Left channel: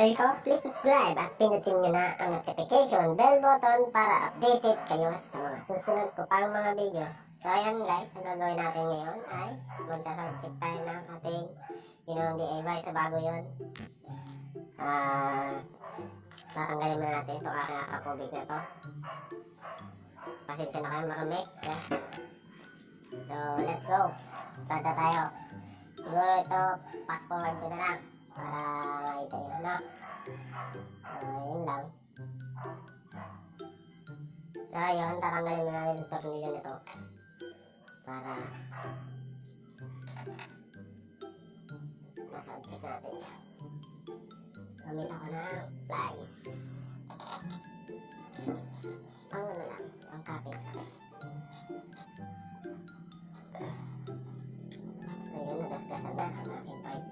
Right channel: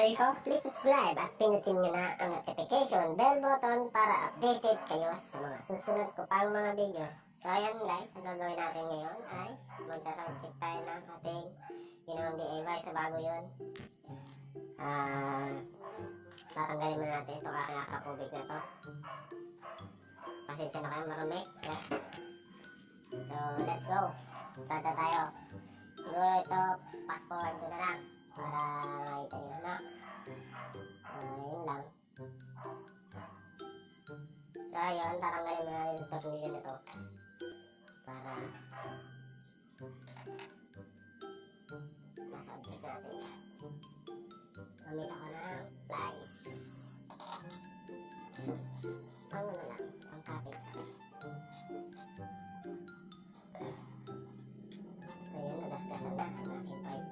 channel ko, please subscribe at pinutin nyo na ang notification bell button para updated kayo sa mga susunod ko pang mga video. So ayan guys, ang gagawin natin ngayon ay magsasubject tayo ng ating ginawang DIY sa bago yun. Tatanggalin muna natin ito kasi nakakapubig na to. Pasensya na kayo, marami. So let's go, start na tayo. Siguro ito, fast forward ko na lang para makita yun na. So yun lang. So yun, tatanggalin mo natin yung tornilyo nito para masubject natin siya. Gamit ako ng pliers. Ang ano lang, ang kapit lang. So yun, nagasgasan na ang aking pipe.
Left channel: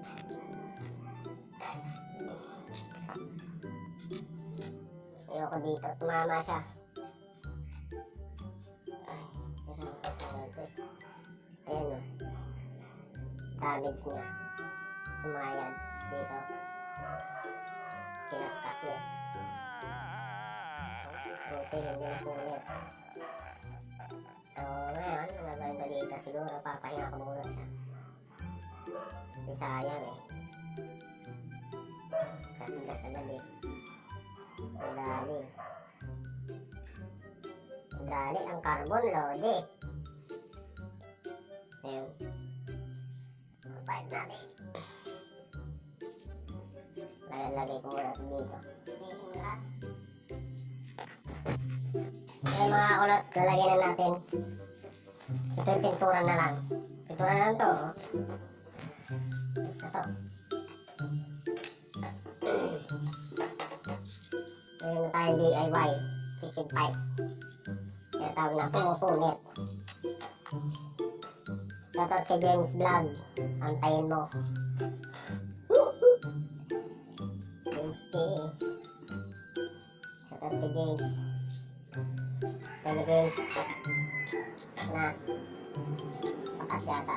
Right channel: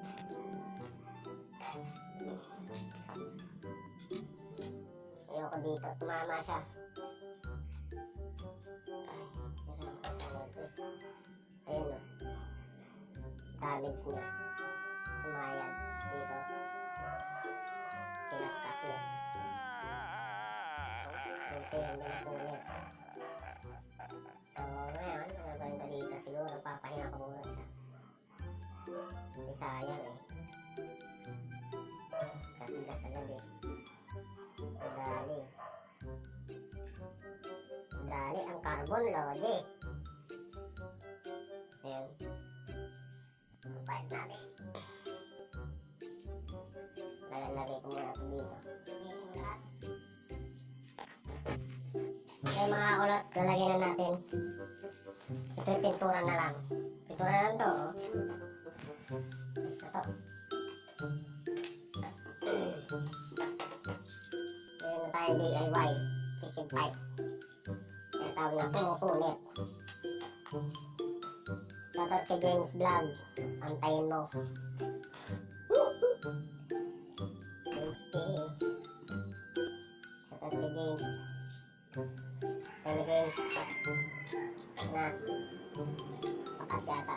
Ayoko dito, tumama siya. Ay, sira ang kapit. Ayan o. Damage niya. Sumayad dito. Kinaskas niya. Tungtihan niya na punit. So ngayon, gagawin balita siguro, papahinga ko muna siya. Kasi sayang eh. Kasi gas agad eh. Ang dali. Ang dali ang carbon load eh. Ayan. Ang pipe natin. Lagay ko muna dito. Okay mga kulot, lalagyan na natin. Ito yung pintura na lang. Pintura na lang to. Basta to. Ngayon na tayo DIY. Chicken pipe. Kaya tawag na pumupunit. Shoutout kay James Vlog. Antayin mo. James James. Shoutout kay James. Kaya James. Na. Pakat yata.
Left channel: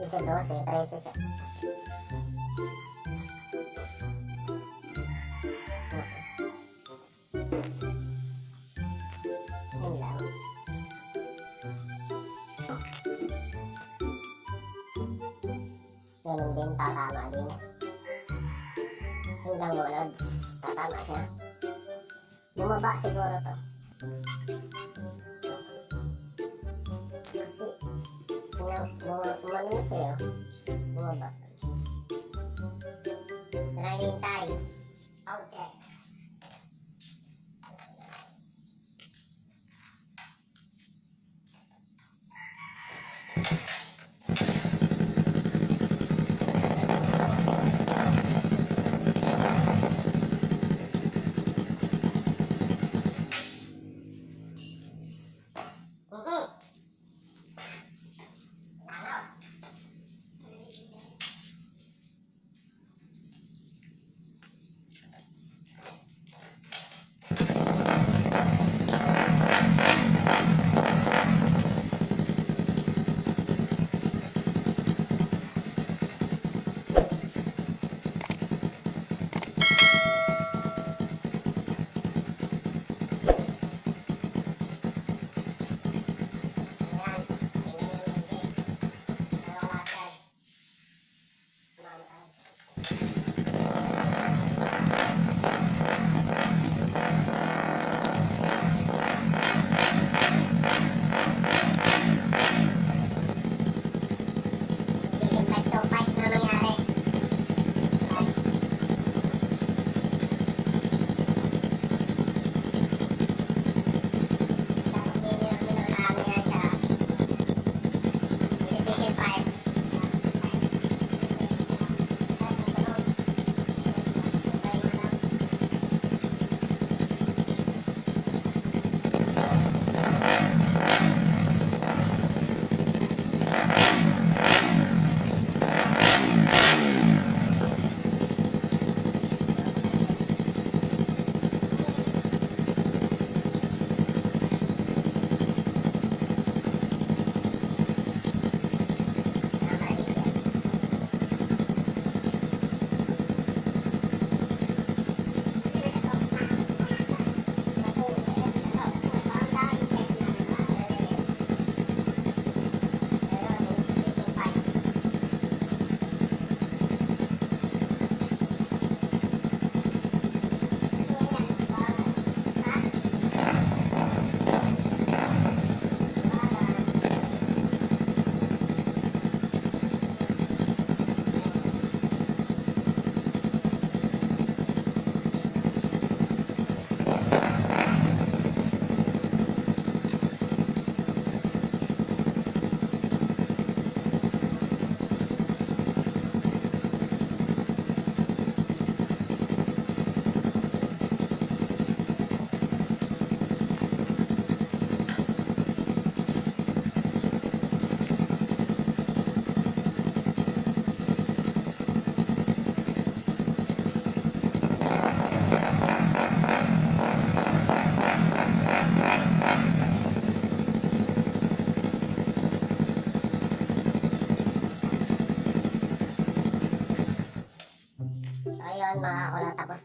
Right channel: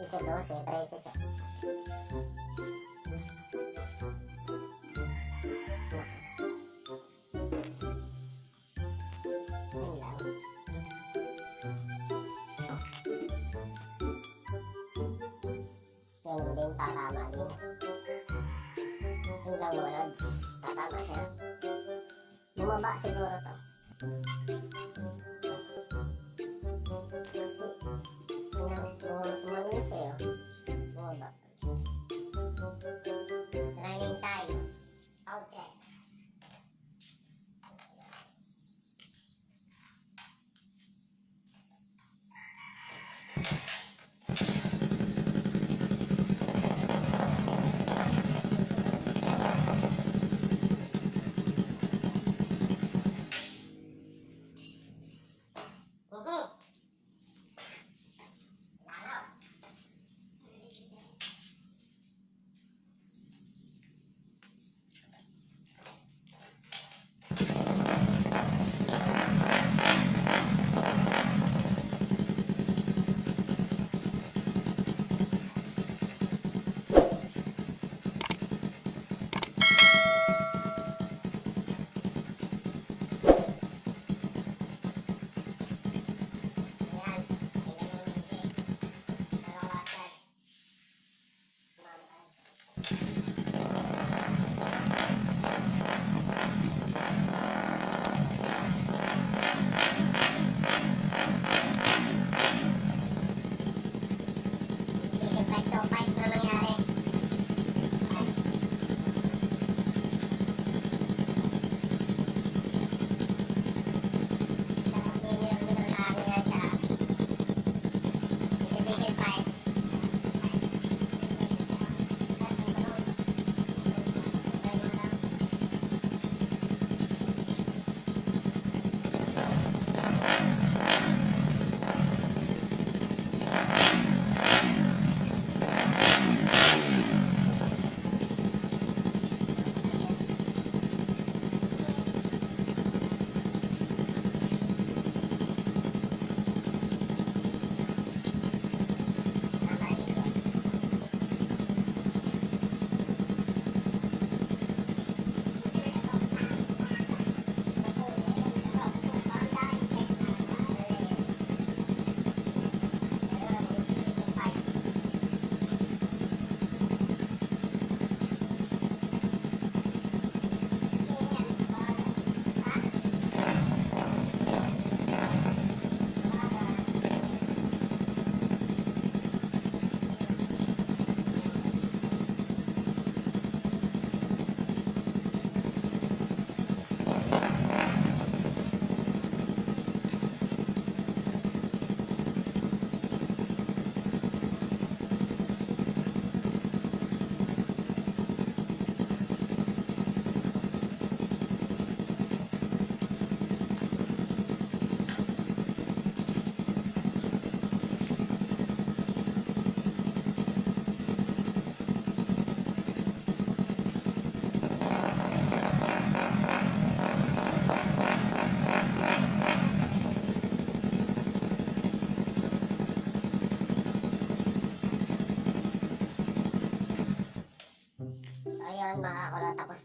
Isa 12, 13 siya. Yan lang. Ganun din, tatama din. Hanggang walads, tatama siya. Bumaba siguro to. Kasi umano siya. Bumaba. Running time. Sound check.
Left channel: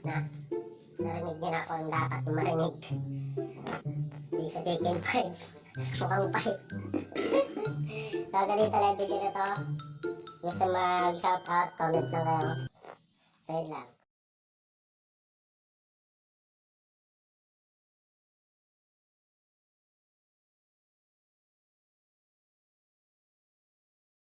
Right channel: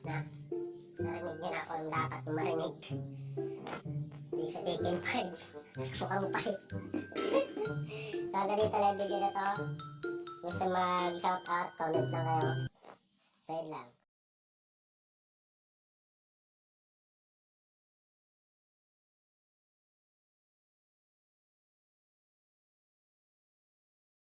na. Narinig nyo na kung dapat marinig. Di sa chicken pipe. Mukhang pipe. So, ganito lang video na to. Gusto mag-shoutout, comment lang kayo. Sa'yo lang.